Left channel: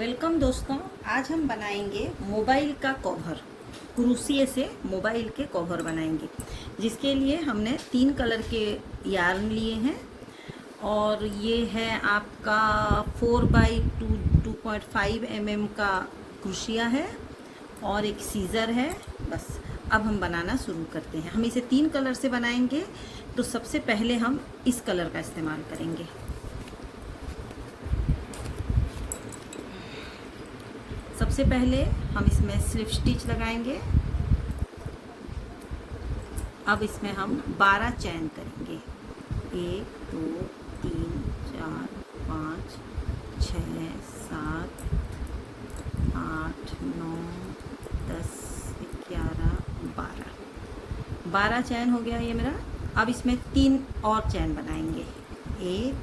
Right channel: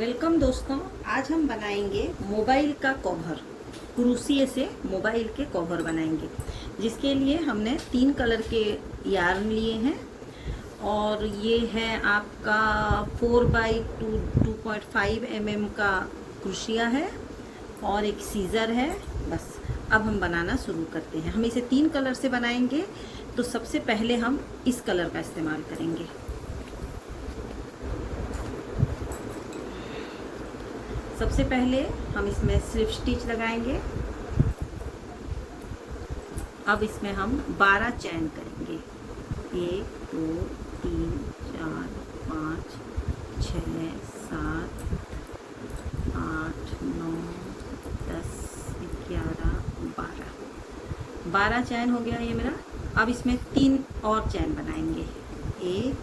Welcome दोस्तों, आज हम बनाएंगे मोबाइल का कवर। क्रोशिया से मोबाइल के कवर बनाएंगे, जिसके लिए हमने 3 कलर के यार्न लिए हैं और ये है आपका 4x2.5 mm का क्रोशिया है और एक सीजर है। बस अब हम बनाना शुरू करते हैं। हम इसे 3 कलर से बनाएंगे, तो सबसे पहले हम इस कलर का इस्तेमाल करेंगे। सबसे पहले हम इसमें स्लिप स्टिच लगाएंगे। अब इसमें हम 12 चैन करेंगे। 1 2 3 4 5 6 7 8 9 10 11 12 चैन हो गया ये मेरा। अब इसमें 3 और चैन बनाएंगे। 1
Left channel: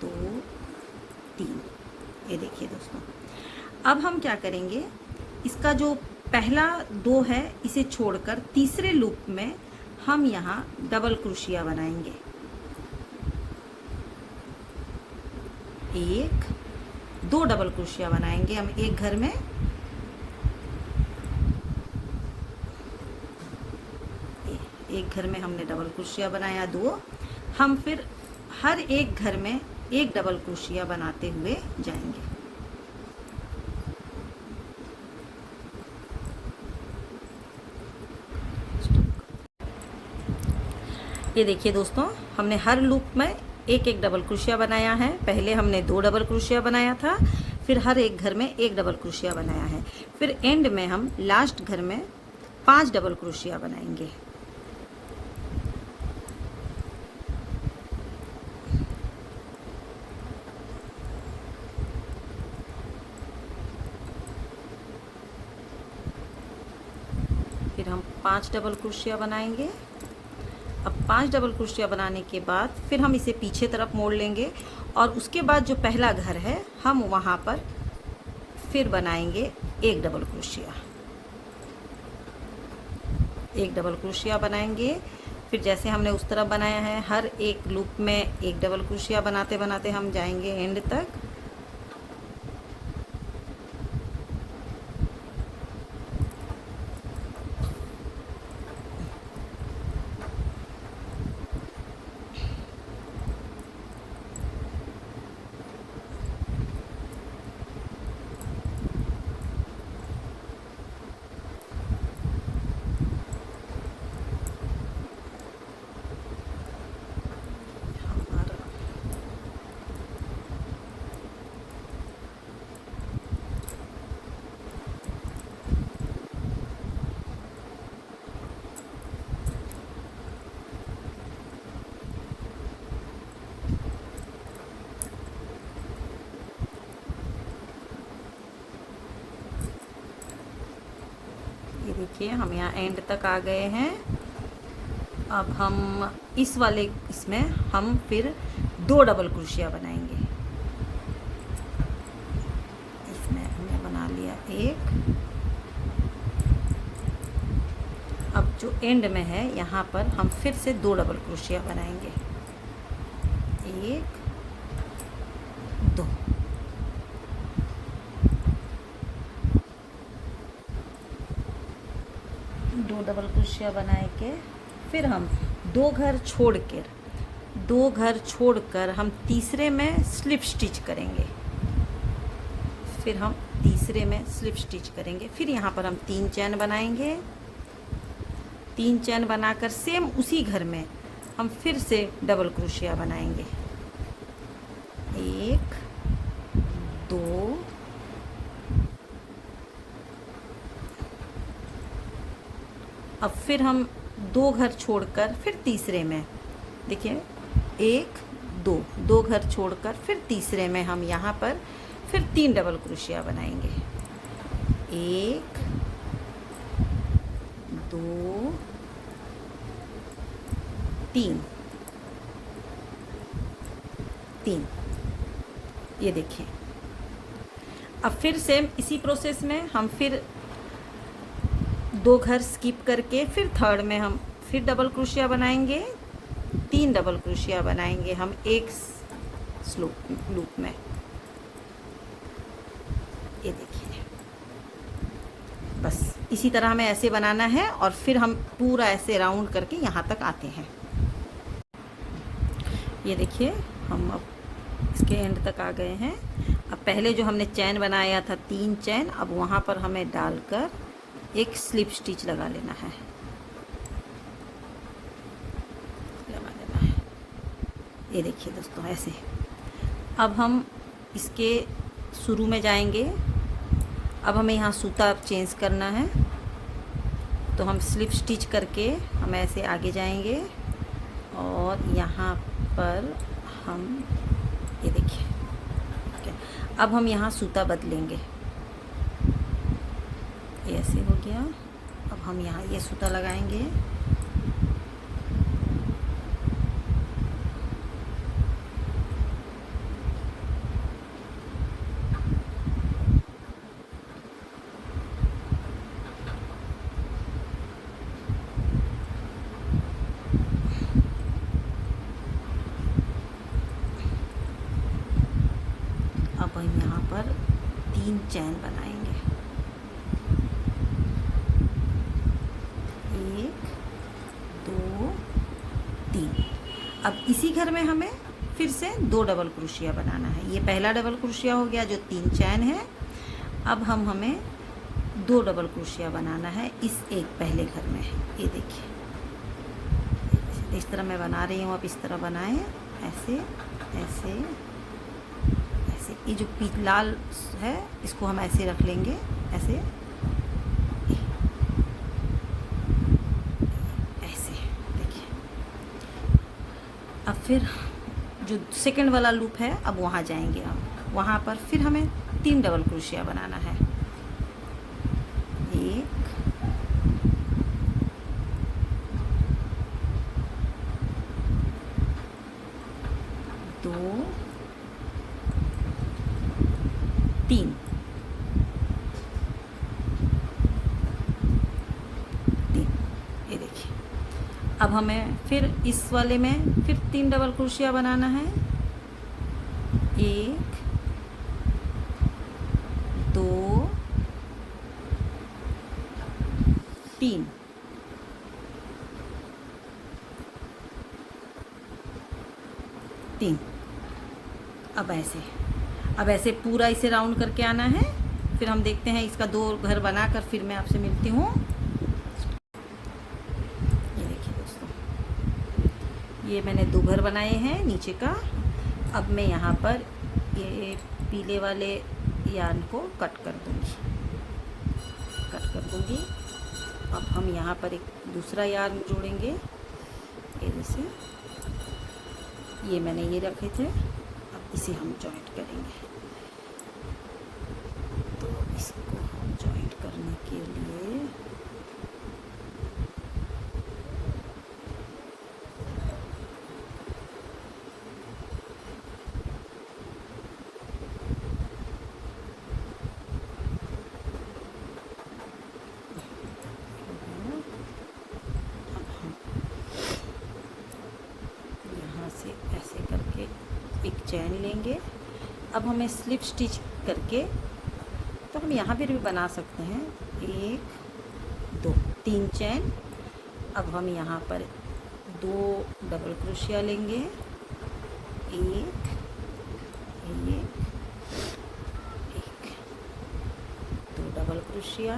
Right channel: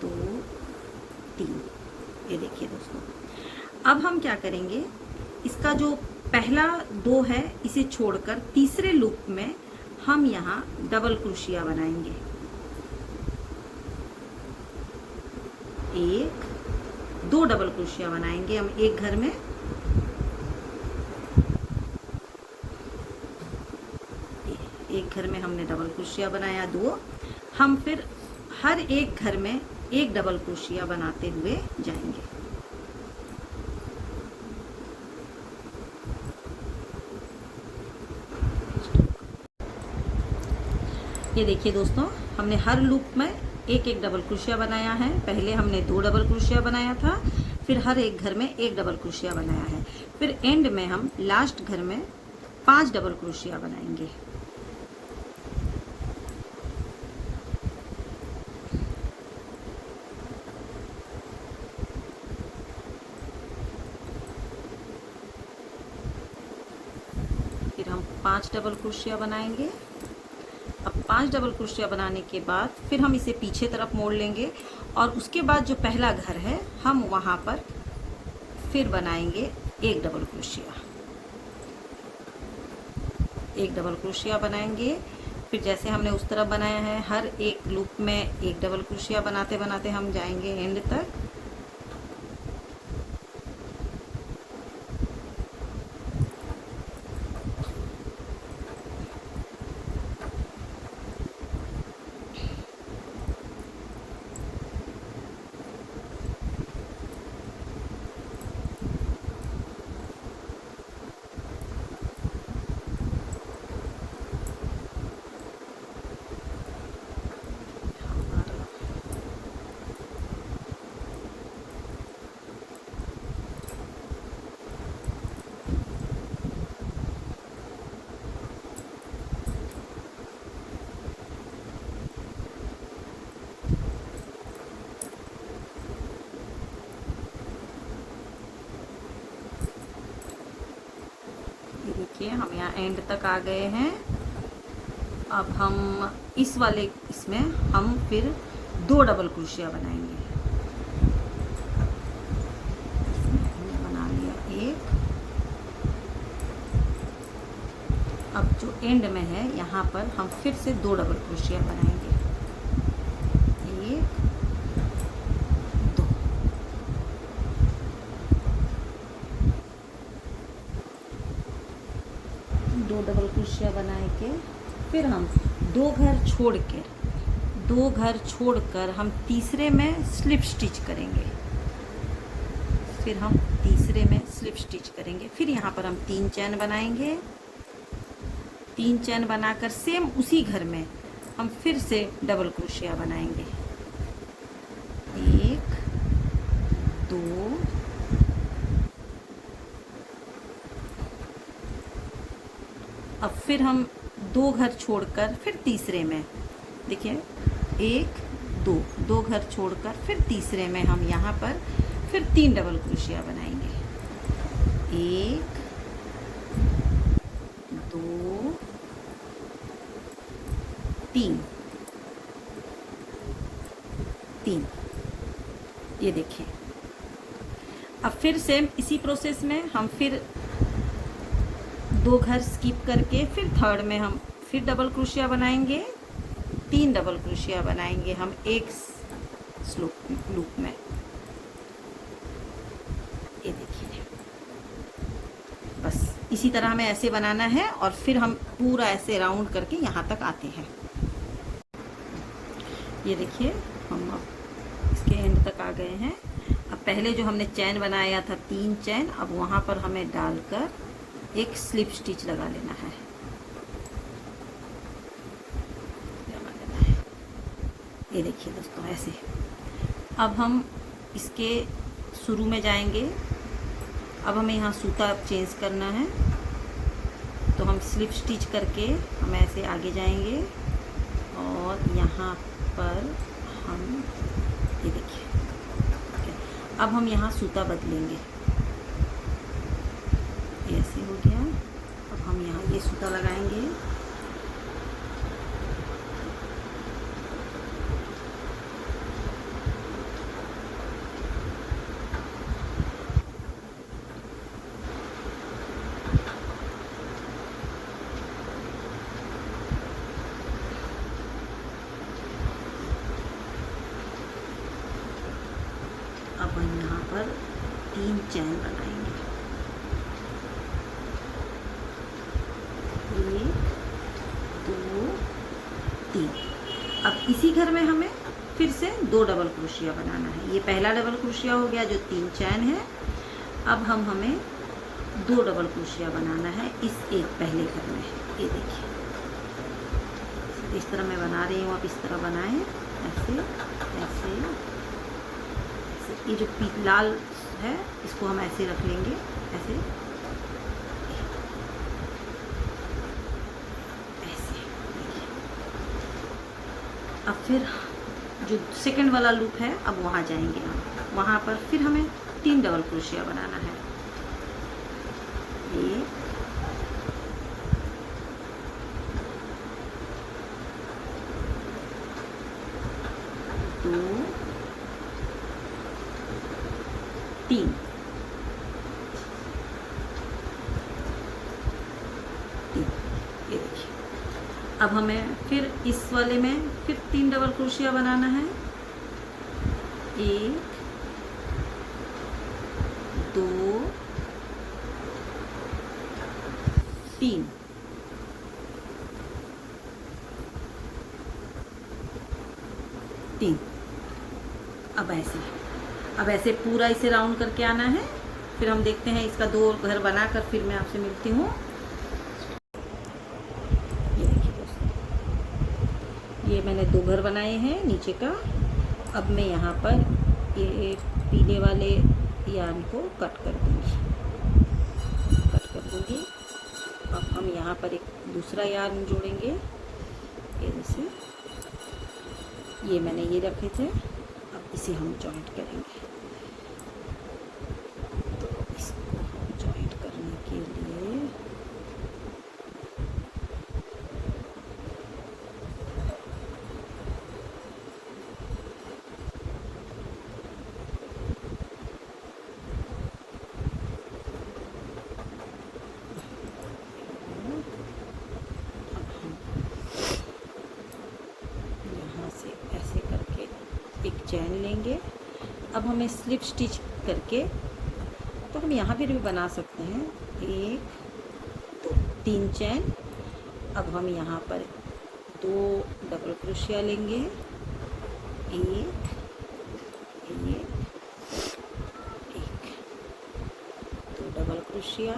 2 3। ये देखिए दोस्तों, अब हम क्या करेंगे, इसका जो पहला 2 है इसे छोड़कर तीसरे लूप में हम यहाँ डबल क्रोशिया बनाएंगे। 1 2 डबल क्रोशिया बनाएंगे हम एक घर में। एक घर में हमने डबल क्रोशिया बनाया 2। हम फिर हर एक घर में एक डबल क्रोशिया बनाते हुए जाएंगे। ये देखिए दोस्तों, हमने हर लूप में एक एक डबल क्रोशिया बनाया है। पहले हमने 2 डबल क्रोशिया बनाया था, फिर हर एक घर में एक डबल क्रोशिया बनाया है। फिर एंड में हम लास्ट घर में 5 डबल क्रोशिया बनाएंगे। फिर हम 5 डबल क्रोशिया बनाएंगे। अब 5 डबल क्रोशिया बनाने के बाद फिर हम इसे पीछे तरफ मोड़ लेंगे और उसके बाद जो पहला घर है हम वहां पर फिर बनाएंगे एक डबल क्रोशिया। एक डबल क्रोशिया बनाएंगे। फिर जैसे हमने उस तरफ बनाया है, हर एक लूप में एक डबल क्रोशिया बनाते बनाते हम जाएंगे एंड तक। देखिए हम यहाँ एंड तक आ गए हैं। अब हम इस वाले इसमें हम फिर 2 डबल क्रोशिया बनाएंगे। इसमें हमने बना लिया 1। अब जो एंड में है यहाँ पर हम फिर से 2 डबल क्रोशिया बनाएंगे। 1 2। 2 डबल क्रोशिया बनाए के फिर हम 2 घर छोड़कर हम तीसरे में स्लिप स्टिच करेंगे। फिर हम तीसरे में स्लिप स्टिच करेंगे। फिर यहाँ पर हम 3 चैन बनाएंगे। 3 चैन बनाकर सेम उसी घर में हम फिर से डबल क्रोशिया बनाएंगे। 1 2 अब फिर हम 2 घर छोड़कर फिर तीसरे में, देखिए 1 2 घर छोड़कर फिर तीसरे में हम यहाँ पर फिर 3 डबल क्रोशिया बनाएंगे। 1 2 3 3। ये देखिए, अब फिर सेम इसी प्रोसेस में हम फिर 2 घर स्किप करके फिर थर्ड में हम फिर डबल क्रोशिया बनाएंगे। 3 डबल क्रोशिया बनाएंगे हम एक लूप में। ये बस इसी तरह हमें ऐसे बनाना है और फिर हम पूरा ऐसे राउंड करके यहाँ तक आते हैं। ये देखिए हम अब इसके एंड तक आ गए हैं। अब पहले जो हमने चैन बनाया था 3 चैन, अब वहाँ पर हमें डालकर एक स्लिप स्टिच लगा लेना है। ये देखिए दोस्तों ऐसे। अब हम इसके शुरू में जाएंगे। अब हमें यहाँ सूता चेंज करना है, तो हम स्लिप स्टिच करके हम ऐसे आगे जाएंगे और यहाँ पर हम ये देखिए अब हम यहाँ सूता बदलेंगे। ऐसे हो गया। अब हम यहाँ ये सूता लगाएंगे। अब हम यहाँ पर 3 चैन बनाएंगे। 1 2 3। अब इसी घर में हमें फिर से 2 डबल क्रोशिया बनाना है। ये पहला डबल क्रोशिया हो गया जो 3 चैन है। अब हमें 2 डबल क्रोशिया बनाना है इस एक पहले घर में। ये देखिए इस तरह मैं बना रही हूँ, आप इस तरह बनाएं। ऐसे ऐसे ऐसे। ये जो लाल है इसको हम ऐसे रख लेंगे, ऐसे ऐसे। देखिए अब फिर जो सेकंड वाला लूप है अब वहाँ जाएंगे हम। वहाँ पर फिर हमें 3 डबल क्रोशिया बनाना है। 1 2 3। ये देखिए अब हमें फिर इस वाले में फिर 3 डबल क्रोशिया बनाना है। 1 2 3। अब ऐसे पूरा इसे राउंड करके आना है। फिर हम देखते हैं इसका 2 घर बनाकर फिर मैं आपसे मिलती हूँ। ये देखिए दोस्तों, ये मैंने 2 घर बनाए हैं नीचे का। अब मैं यहाँ पर ये पीले वाले यार्न को कट कर दूँगी। अब हम यहाँ पर एक दूसरा यार्न जोड़ेंगे। ये जैसे ये मैंने ये रखे थे, अब इसे हम जॉइंट करेंगे। तो इसको जॉइंट करने के लिए चैन लेंगे। अब हमें स्लिप स्टिच करके तो हम यहाँ भी बना सकते हैं। 1 2 3 चैन। अब हम यहाँ पर 2 डबल क्रोशिया लेंगे। 1 1 2 डबल क्रोशिया।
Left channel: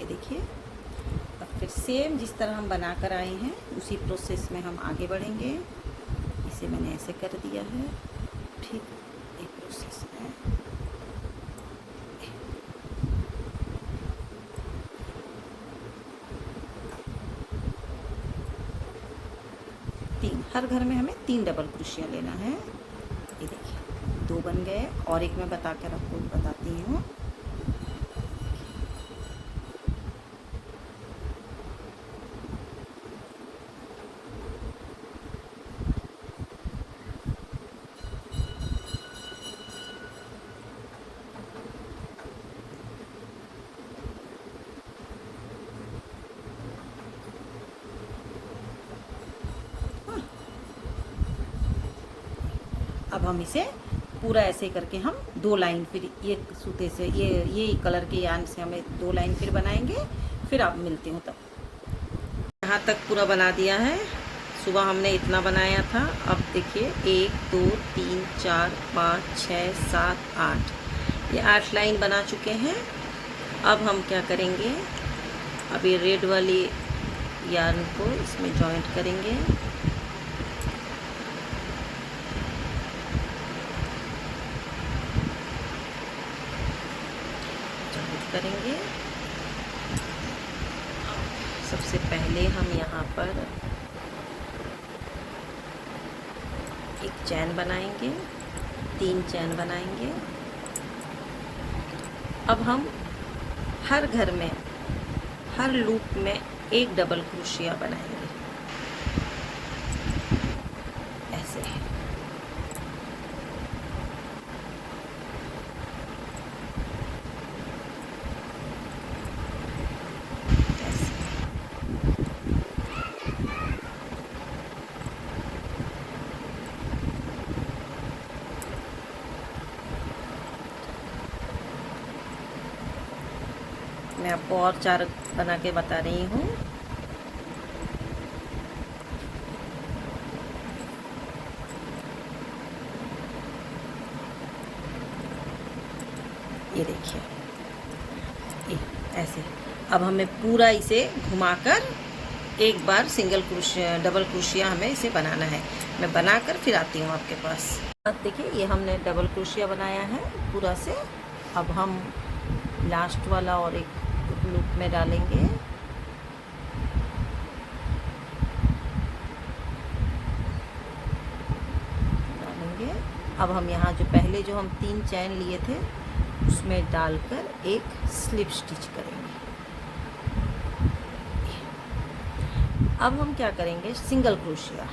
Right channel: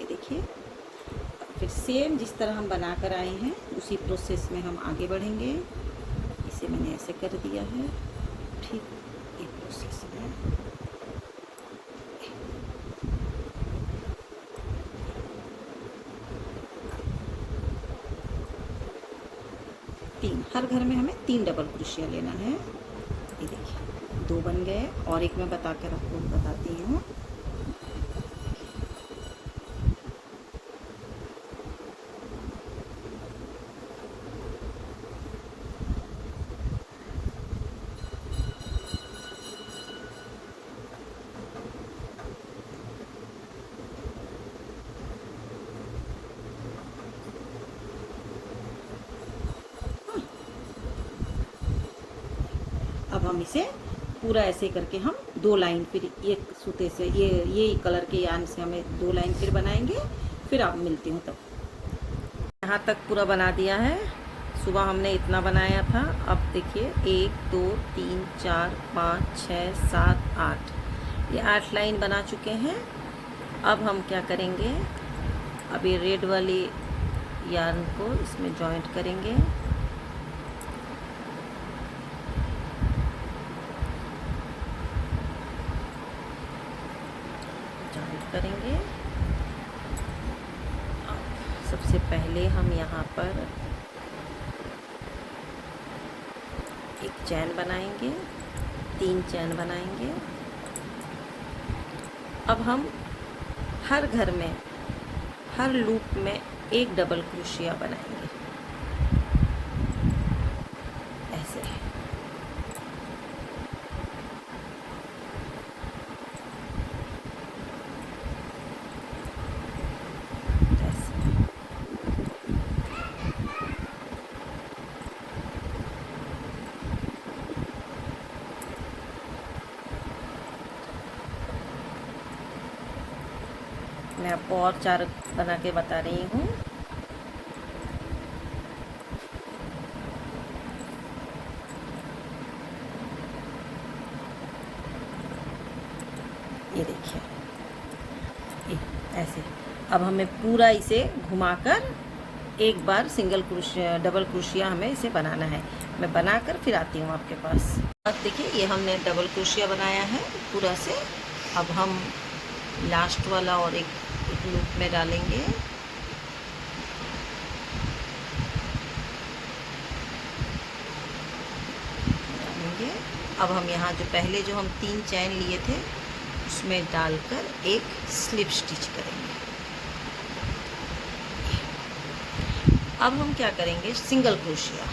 ये देखिए अब फिर सेम जिस तरह हम बना कर आए हैं उसी प्रोसेस में हम आगे बढ़ेंगे। इसे मैंने ऐसे कर दिया है, ठीक एक प्रोसेस है। हर घर में हमें 3 डबल क्रोशिया लेना है। ये देखिए 2 बन गए और एक मैं बताकर आपको बताती हूँ। अब हम इसे पूरा ऐसे करके हम 2 लाइन फिर एक सूते से ये कलर के यान से हमें 2 लाइन फिर बनाएंगे। फिर आप मिलती हूँ तब। यहाँ तक पूरा बना दिया है। सुबह हमने इतना बनाया था। अब देखिए 1 2 3 4 5 6 7 8, ये 8 लाइन बना चुके हैं। अब हम क्या करेंगे, अब ये रेड वाली यार्न को इसमें जॉइंट करेंगे। करेंगे। सबसे पहले हम यहाँ पर एक चैन बनाएंगे, 3 चैन बनाएंगे। अब हम हर घर में, हर लूप में एक डबल क्रोशिया बनाएंगे ऐसे। मैं आपको और 4 बना के बता रही हूँ। ये देखिए, ये ऐसे। अब हमें पूरा इसे घुमाकर एक बार सिंगल क्रोशिया, डबल क्रोशिया हमें इसे बनाना है। मैं बनाकर फिर आती हूँ आपके पास। अब देखिए, ये हमने डबल क्रोशिया बनाया है पूरा से। अब हम लास्ट वाला और एक लूप में डालेंगे। अब हम यहाँ जो पहले जो हम 3 चैन लिए थे उसमें डालकर एक स्लिप स्टिच करेंगे। अब हम क्या करेंगे, सिंगल क्रोशिया।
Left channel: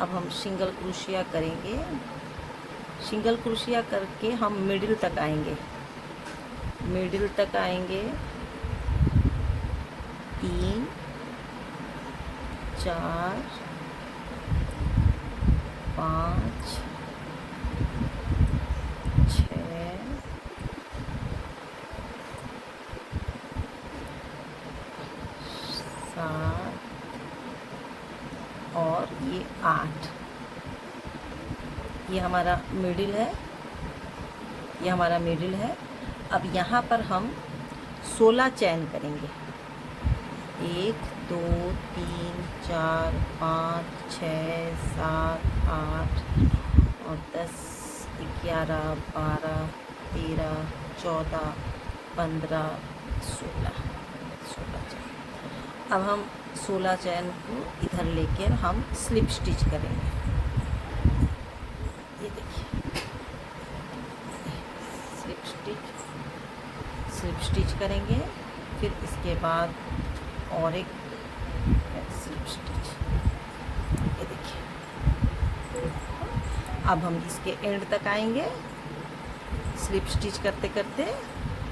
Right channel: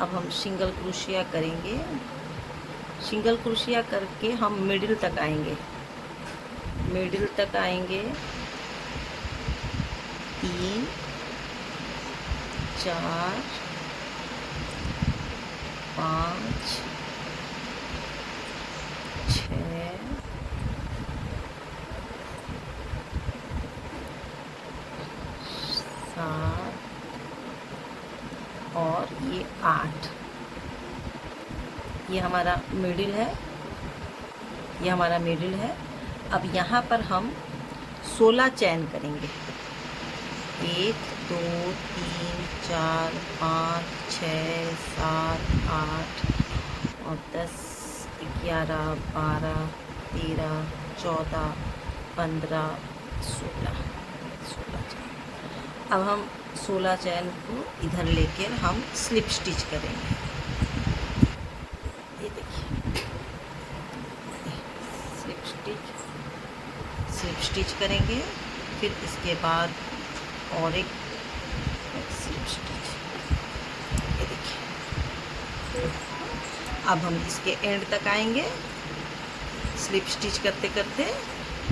अब हम सिंगल क्रोशिया करेंगे। सिंगल क्रोशिया करके हम मिडिल तक आएंगे। मिडिल तक आएंगे, 3 4 5 6 7 और ये 8। ये हमारा मिडिल है, ये हमारा मिडिल है। अब यहाँ पर हम 16 चैन करेंगे। 1 2 3 4 5 6 7 8 और 10 11 12 13 14 15 16 चैन। अब हम 16 चैन को इधर लेकर हम स्लिप स्टिच करेंगे। ये देखिए, स्लिप स्टिच करेंगे। फिर इसके बाद और एक स्लिप स्टिच। ये देखिए, अब हम इसके एंड तक आएंगे स्लिप स्टिच करते करते।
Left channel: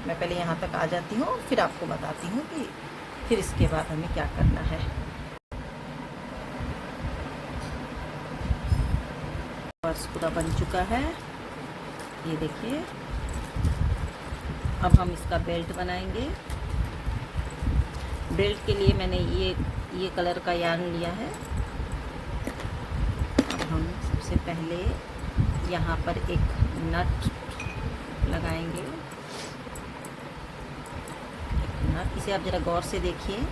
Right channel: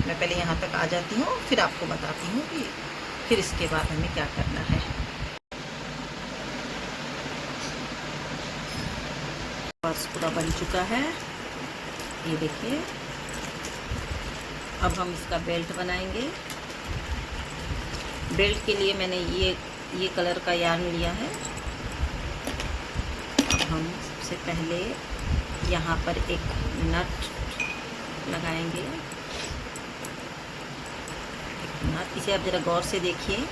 मैं पहले यहाँ तक आ जाती हूँ, फिर आपको बताती हूँ कि फिर इसके बाद हमें क्या करना है। बस पूरा बन चुका है, ये देखिए। अब हम इसका बेल्ट बनाएंगे। बेल्ट के लिए मैंने ये कलर का यार्न लिया है। अब हम सबसे पहले यहाँ पर एक नट लगाएंगे। एक नट, इसे आप ज़रा गौर से देखिए।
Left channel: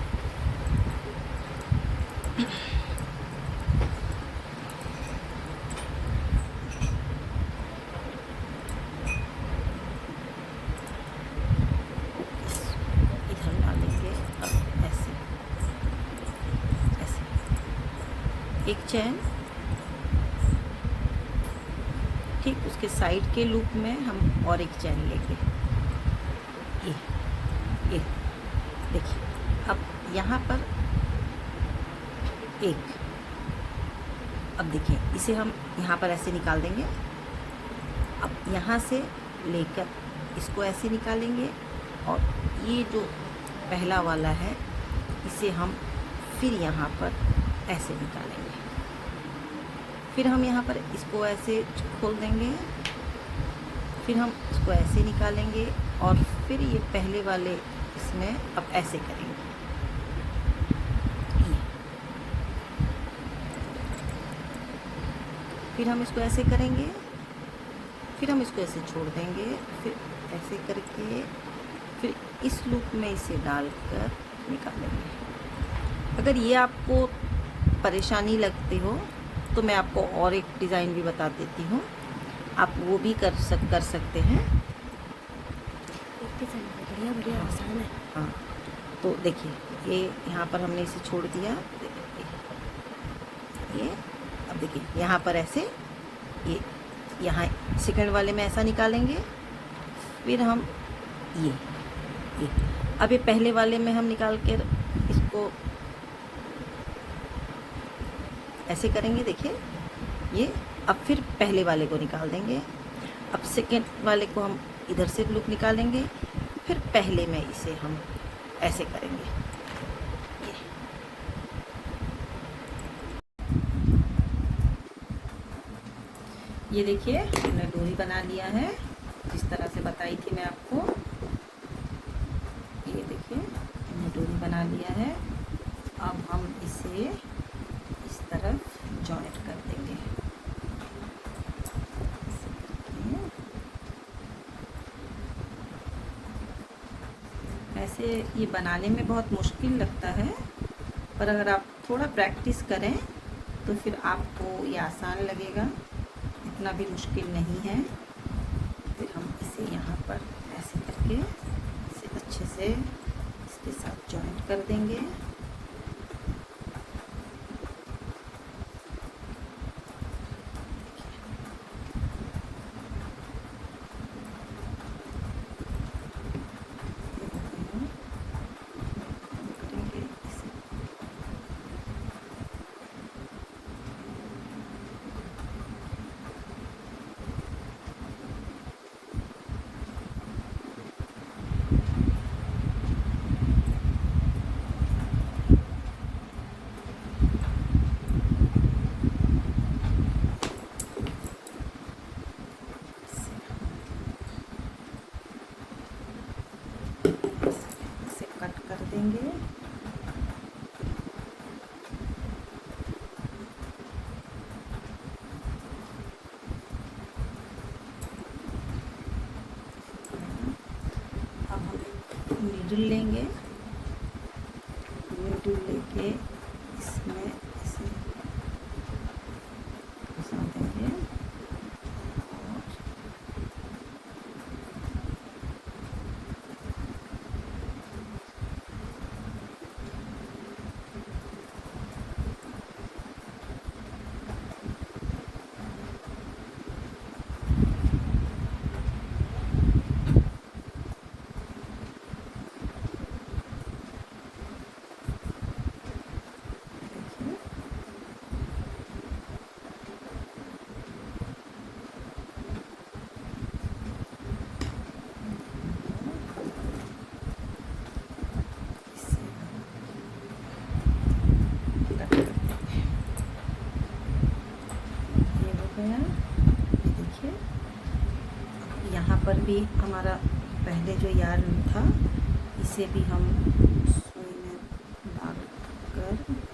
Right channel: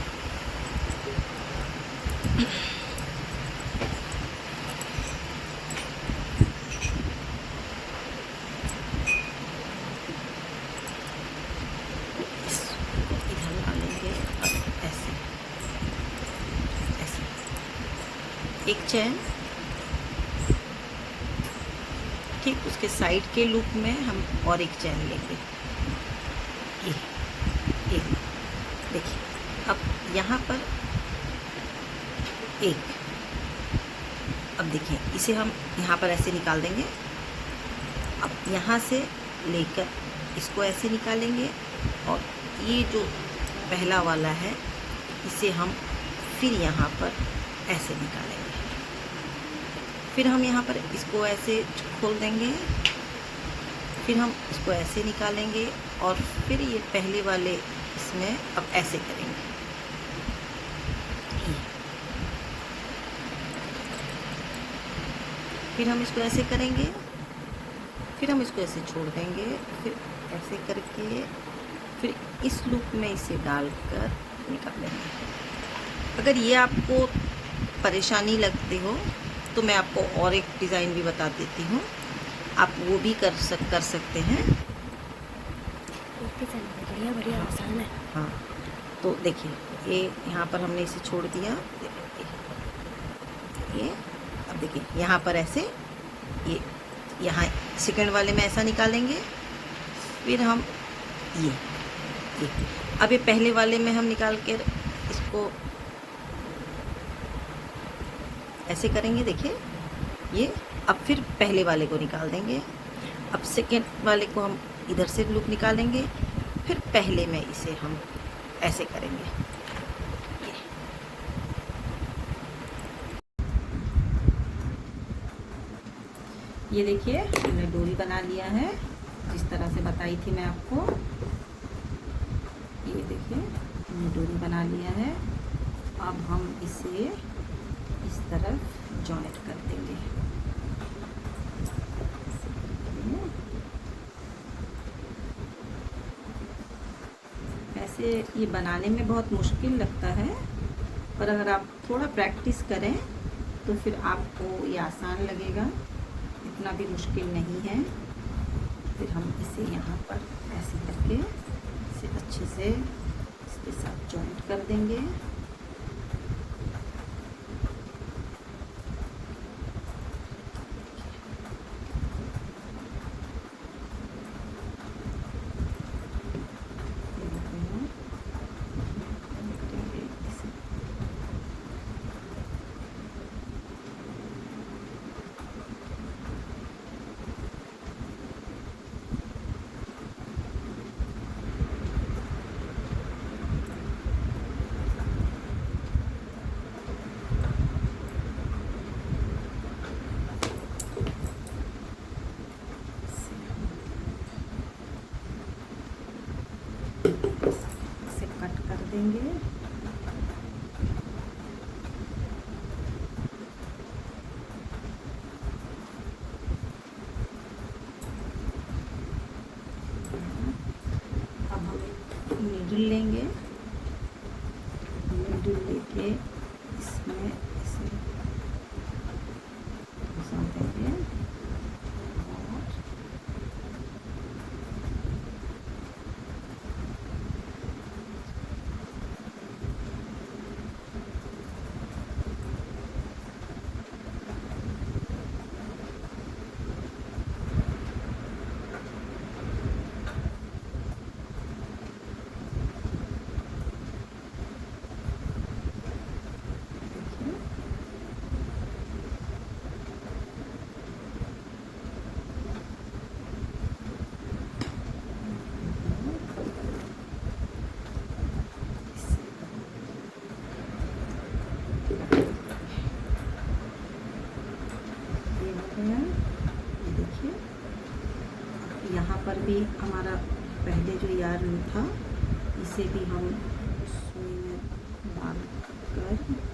एक चैन, ठीक उसके साइड के लूप में हम और एक चैन लेंगे। ये देखिए, अब यहाँ पर एक, अब देखिए इसे हम यहाँ पर ऐसे निकाल देंगे। अब यहाँ से लेकर इसको ऐसे निकालेंगे और ये जो पहला वाला है इसे हम फिर यहाँ पर ऐसे निकालेंगे। फिर हम यहाँ पर इसको ऐसे खोल देंगे, फिर हम इसको ऐसे निकालेंगे और फिर ये पहले वाले इसमें अब ऐसे करेंगे। फिर हम इसको ऐसे करेंगे, फिर हम इसको ऐसे छोड़ देंगे, फिर ऐसे करके फिर इस लूप में इसे डालकर निकालेंगे। अगर ये आपको परेशानी लगती हो तो मैं आपको और एक डिज़ाइन भी बता देती हूँ, आप वो भी कर सकते हैं। बढ़िया बढ़िया आसान है। हाँ, तो देखिए ये यहाँ पर हमने इसे छोड़ दिया, ये अब देखिए यहाँ पर ऐसे ये यहाँ सेकंड वाले में ऐसा निकालेंगे, फिर हम ये अब ये पहले वाले में हम निकाल कर इसको ऐसे करेंगे। देखिए ये अब फिर पहले वाले को निकाल देंगे, अब सेकेंड वाले को हम इधर से लूप निकालेंगे, फिर पहले में इसे हम ऐसे करेंगे। ये देखिए हमने डोरी बना लिया है जिस तरह से बताई थी मैं आपको। ये देखिए हमने डोरी बना लिया है। अब हम इसे इस तरफ जॉइंट कर देंगे। ऐसे ये बनाने में बहुत मुश्किल लगता है, पर अगर आप थोड़ा प्रैक्टिस करें तो फिर आपको ये आसान लगेगा, इतना भी मुश्किल नहीं है। फिर हम इसे यहाँ पर ऐसे करके इसे अच्छे से इसके साथ जॉइंट कर देंगे। इसे कट कर देंगे। अब हम नीडल लेंगे, नीडल लेके इसमें इसे घुसा देंगे यहाँ पर भी हमारा पहले जो यार्न था इसे भी हम सुई में डाल कर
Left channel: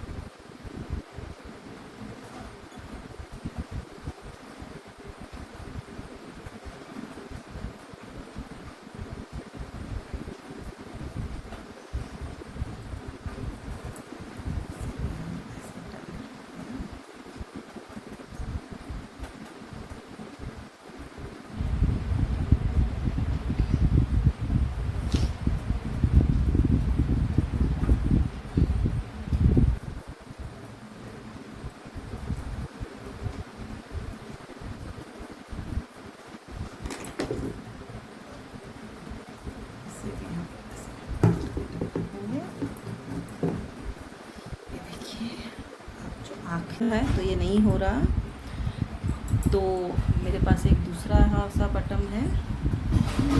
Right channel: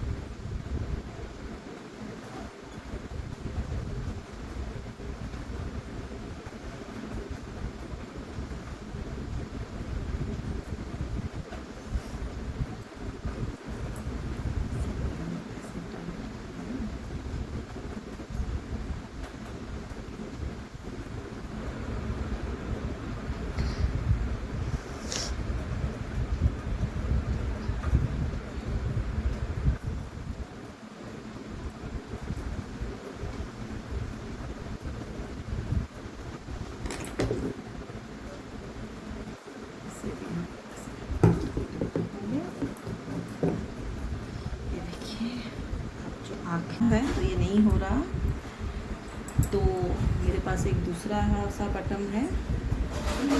है तो ये नहीं हो रहा, तो मेरे पास एक दूसरा सा बटन है,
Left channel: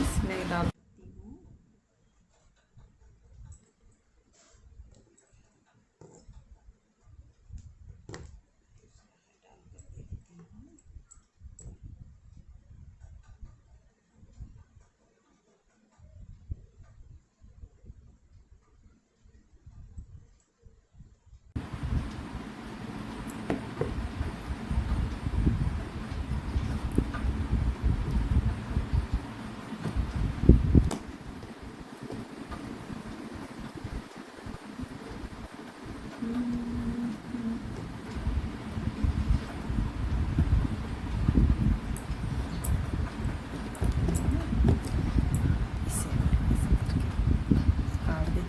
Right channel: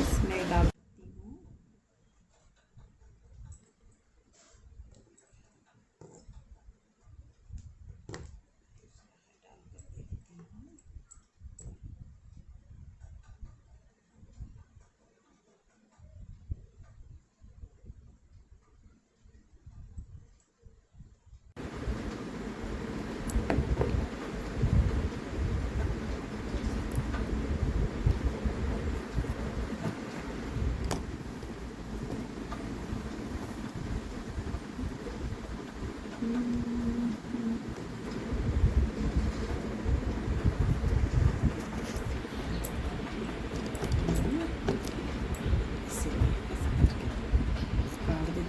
इसमें डाल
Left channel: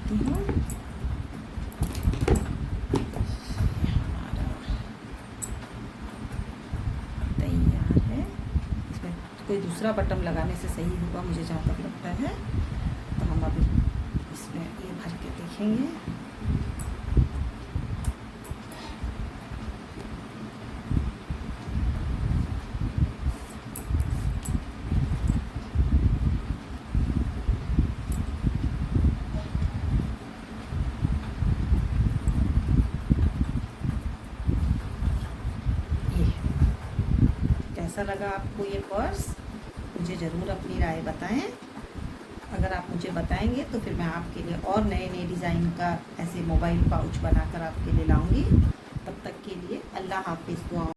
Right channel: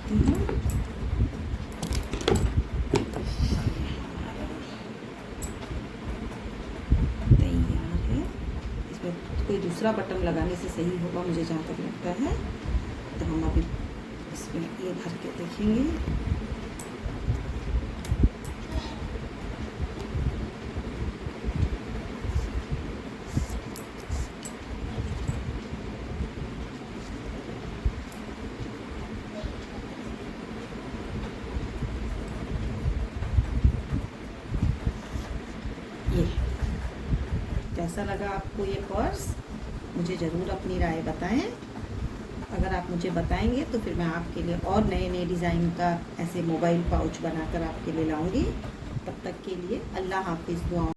देती हूँ। तैयार है। इसमें कोई दूसरा बटन लगाने से सही होगा मुझे जहाँ तक लगता है। तो हम अभी इसमें ये भर के देखेंगे। ये कैसा लगा आपको ये पर्स? मुझे ज़रूर अपनी राय बताएं। अगर आप मुझे बताएंगे तो फिर मैं आपके लिए और नए नए डिज़ाइन का ऐसे मोबाइल पाउच बनाकर आपके लिए लाऊंगी। तब तक के लिए अल्लाह हाफिज़। दुआ